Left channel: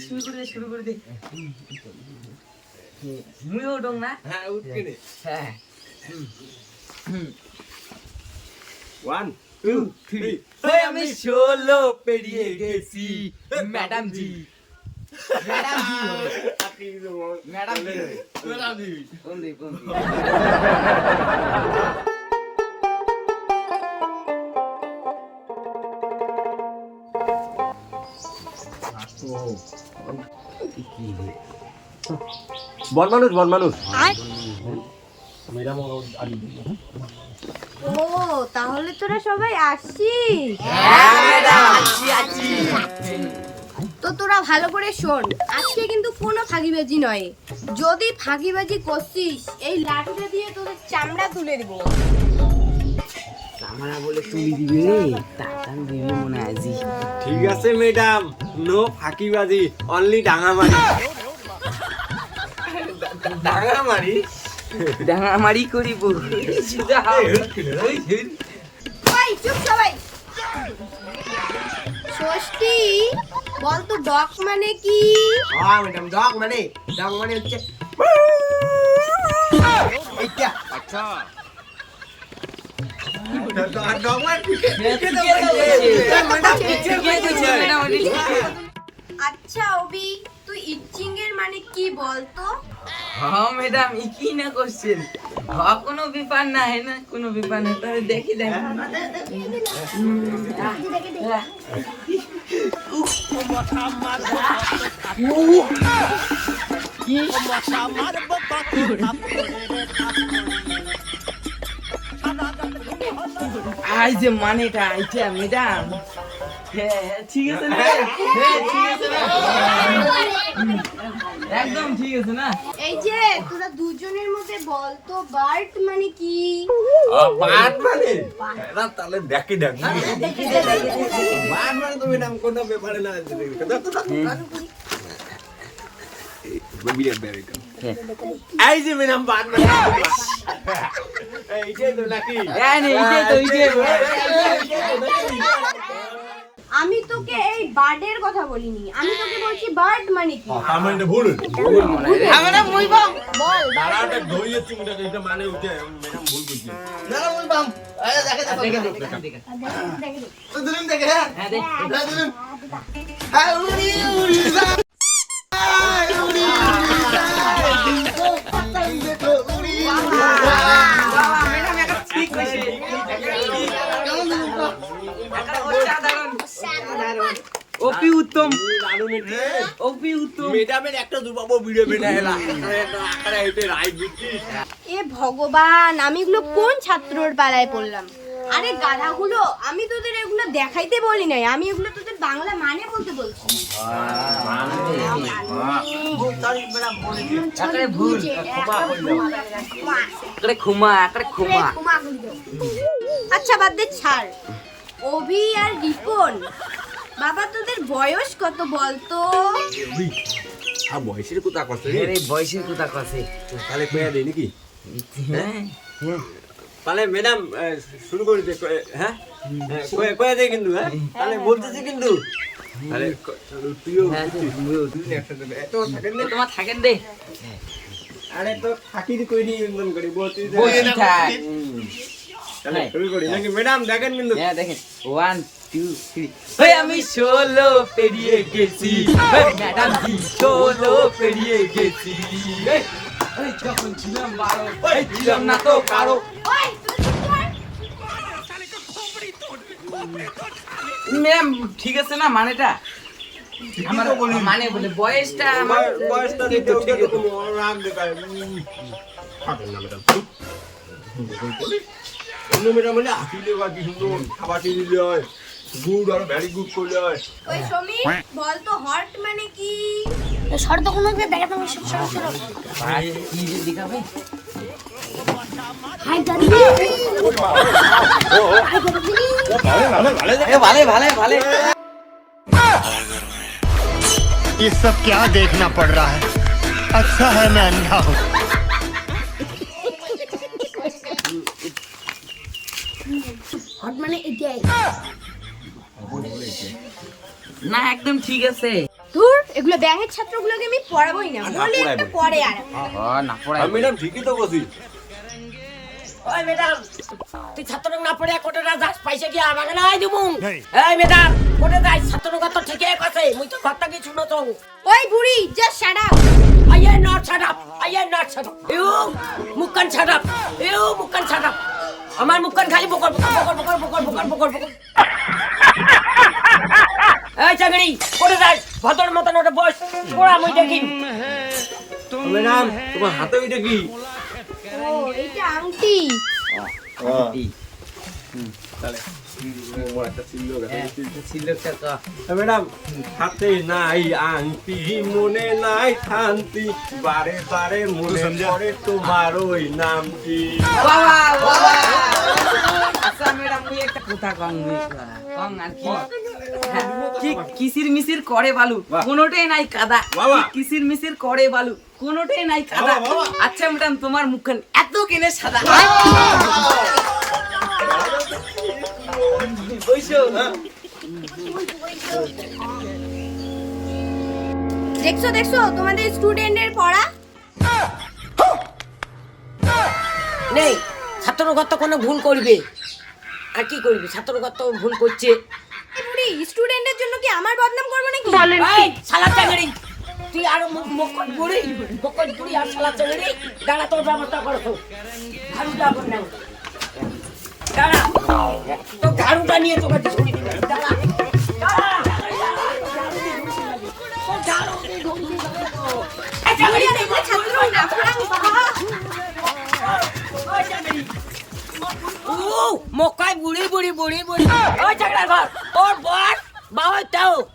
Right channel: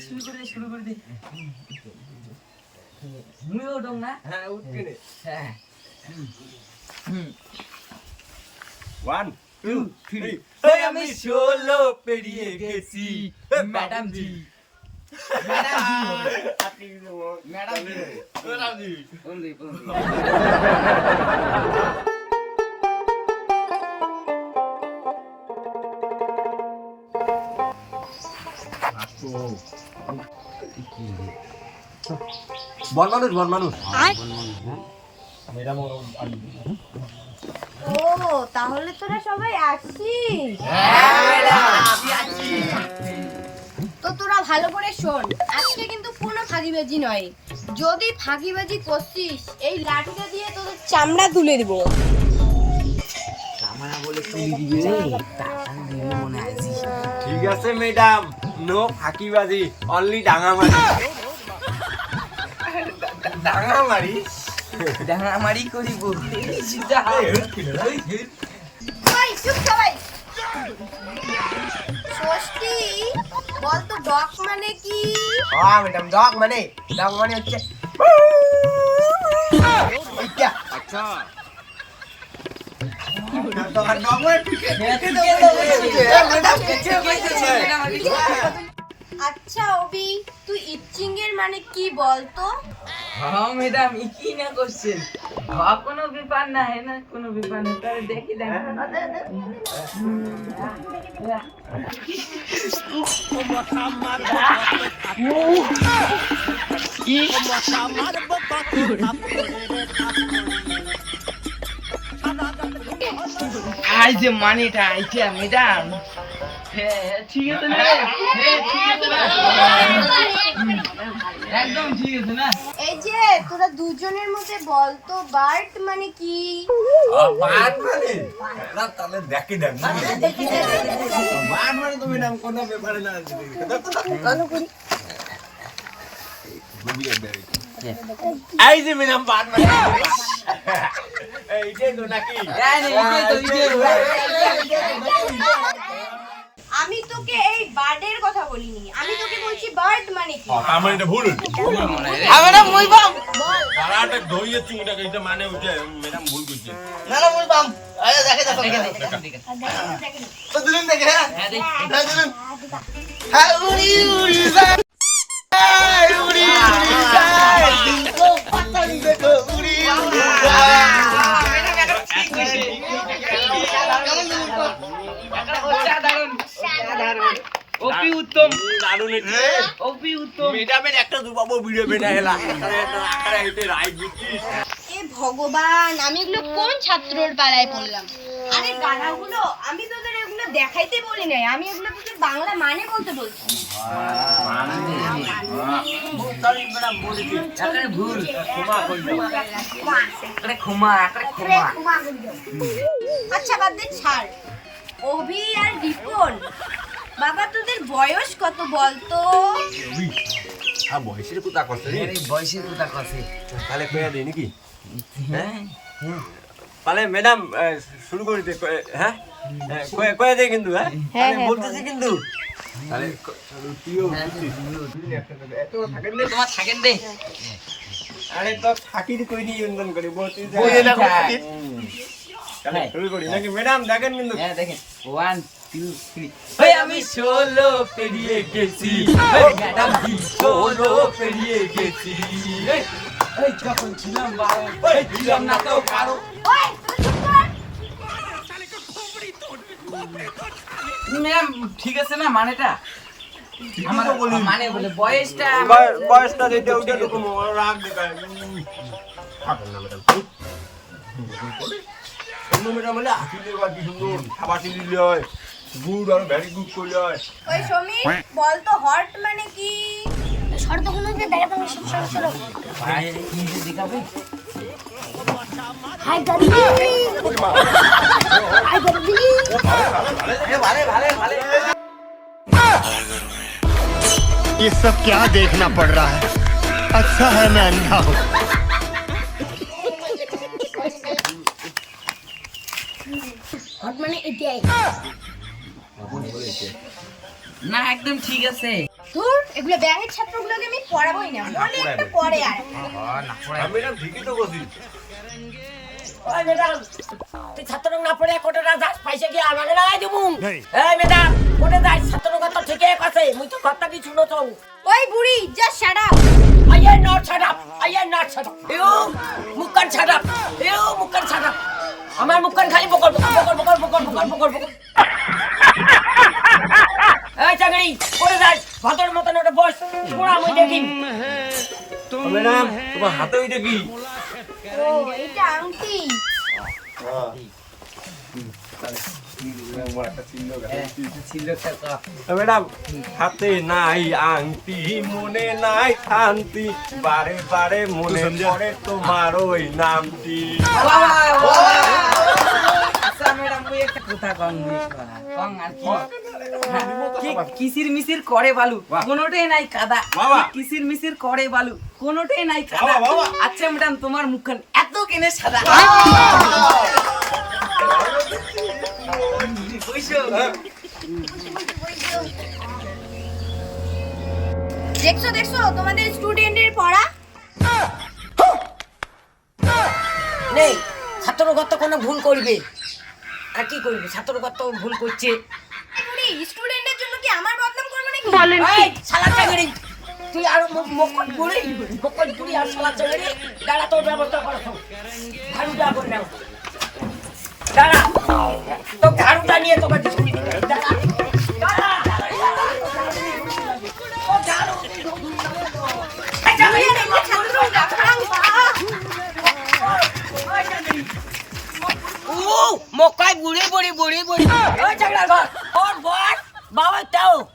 শুরু করে শুরু করে দে। মুইও ডং না? হ্যাঁ হ্যাঁ। ওয়ান টু থ্রি আমি ষোলো পেরিয়ে গেছি madam ji. Madam ji. Madam ji. বন মানুষ বন মানুষ ও তাহলে তোরা সবাই আসছিস তো তোরা ভালো করে শোন আজকে কিন্তু কোনো ফাঁকিবাজি নয়। যদি ফাঁকিবাজি করছিস এই লাঠিটা দিয়ে তোদের চামড়া তুলে দিব। আমরা বলে তুলি দিবে রে টাকা দিবে মনে হয় ঠিক আছে ম্যাডাম। নো ফাঁকিবাজি অনলি ডাঙামারি ডাঙামারি করিব ওই চুপ সবাই। ষষ্ঠী বল ডক মানে কি? হ্যাঁ ম্যাডাম মানে মানে হচ্ছে আচ্ছা। আচ্ছা অবি তুই ইচিং এর মানে কি বল তো হ্যাঁ ম্যাডাম ই কি না করছেন হ্যাঁ কোনো ব্যাপার না হয় না কোনো ব্যাপার না তবে দেখি দেখ। আই যে মানেটা আইটা ম্যাডাম। হ্যাঁ হ্যাঁ, ঠিক আছে না? ঠিক আছে। না একদম ঠিক আছে না? এই যে তোরা দুজনের মধ্যে বল তো বার্ট মানে কি? বাট মানে? না তাহলে দেখি দেখ মানে তো ম্যাডাম কোনো ব্যাপারে না এই যে ম্যাডাম বাট মানে এইটাই তো নাকি নে, তো, তো। আমি তোকে এই বার্ডের কথা বলিনি। আমি তোকে বলছি বার্ড মানে কি? তার মানে এটা ভুল আমরা বলব দাঁড়াটা ধইয়ে চিংটাকে এটা মানে ওইটা ম্যাডাম ভুল করছে দেখে দে দেখে। দে হ্যাঁ? দেখ। অপি উত্তম। দারুণ এটি অপি উত্তম। ম্যাডামের একটা দুবাবু ভিডিও বেটা এলা। আরে আকারে হইতে রাইট বুঝছিস এ ভগবান আমি এগুলো কোন ছাত্রর পাড়ায় পড়লাম? আরে গাধাগুলো আমি তোদের এগুলো দেখাইতে বলি নাই। আমি এগুলো তোদের বাংলা মানে বলতে বলছি। আচ্ছা বাদ দে ছাড়। অভি আর রিপন বাবা তোদের বয়স কত বলতো? হ্যাঁ বয়সের কথা কষ্ট রে। আরে বয়সের কথা কাছে তাহলে কয়ে দেই নাকি? হ্যাঁ? তাহলে ম্যাডাম শুরু করে দে হ্যাঁ? হ্যাঁ, কয়ে কয়ে দে কিন্তু হ্যাঁ? তাহলে বলতেছি কিন্তু। চলো, তুইও তুই। এত থাকেন দে। তোমার থাকেন দে। আরে তো থাকি কই নি ইন্ধন করি যে- বসে থাক। তাহলে হ্যাঁ। শুরু করি। নাকি ম্যাডাম দেখেন কিন্তু। হ্যাঁ দেখেন। ওয়ান টু থ্রি ওই আমি ষোলো পেরিয়ে গেছি। ম্যাডাম জি ষোলো পেরিয়ে গেছি। এই, যখন ছিলাম বারো এই ছিলাম না তো কারও। ম্যাম ঠিক আছে না মানেটা? আমার মানে বলে বয়সটা আমার বয়সটা কোনো রাগ দেখায়। উম। না ম্যাডাম অন্য ম্যাডাম হলে আসলে বা কি সুন্দর খাবারটি দিলে হয়। গুড আর ভেরি গুড করলে হয় ওই সমীর বলতো হট মানে কি ভাই, কি যে দেখাবে এ, ভালে ভালে ভালে ये सब क्या देखना पड़ रहा है अच्छा है मैं अंधा हूँ হট মানে এটাই না একদম ঠিক আছে। এগুলো ছাত্রগুলোকে আমি পড়াবই না। বলে একটা আর। তুই না পড়ে কি আমাকে তো কি ওই বুড়ি আই নট আই নট আমার মুখান খালি বকর বকর বকর বকর বকর বকর বকর। এই চাকরি কোটে যাই ভদ্র মতন ওটা বস পড়া মুই দেখি। ম্যাডাম তোমার হাতে ওইটা কি এটা আংটি। ম্যাডাম হাতে নাই আংটি মনে নাই শান্তি। বারে বারে মনে পড়ে তোমার ওই নামটি। বাবা। কিসির মিসির করে বালু? কোনোটাই নাই কাদা। কিসির মিসির করে বালু? কোনোটাই নাই কাদা। আচ্ছা ম্যাডাম তোমার মুখখান এত কেনে সাদা। দেখছ দেখছ তোমাদের স্টুডেন্টের পড়া? নেই। ছাত্রগত কোনো ভুল করবে। আর কি করবি? ছাত্রগত ভুল করছে। আরে স্টুডেন্টের জন্য কি আমার বদনাম করব নাকি? এই শালা চাকরি তুই আর মকল বুড়ি! মকল তুই আর শালা চাকরি দাঁড়া তোর ব্যবস্থা করছ ঝাড়ুটা করবে দাঁড়া। তো ঝাড়ুটা নিয়ে তোকে দিচ্ছি બુડી બુડી બુડી ઓ ચકડા ગોળ ઓ ગોળ બાવા તાવ.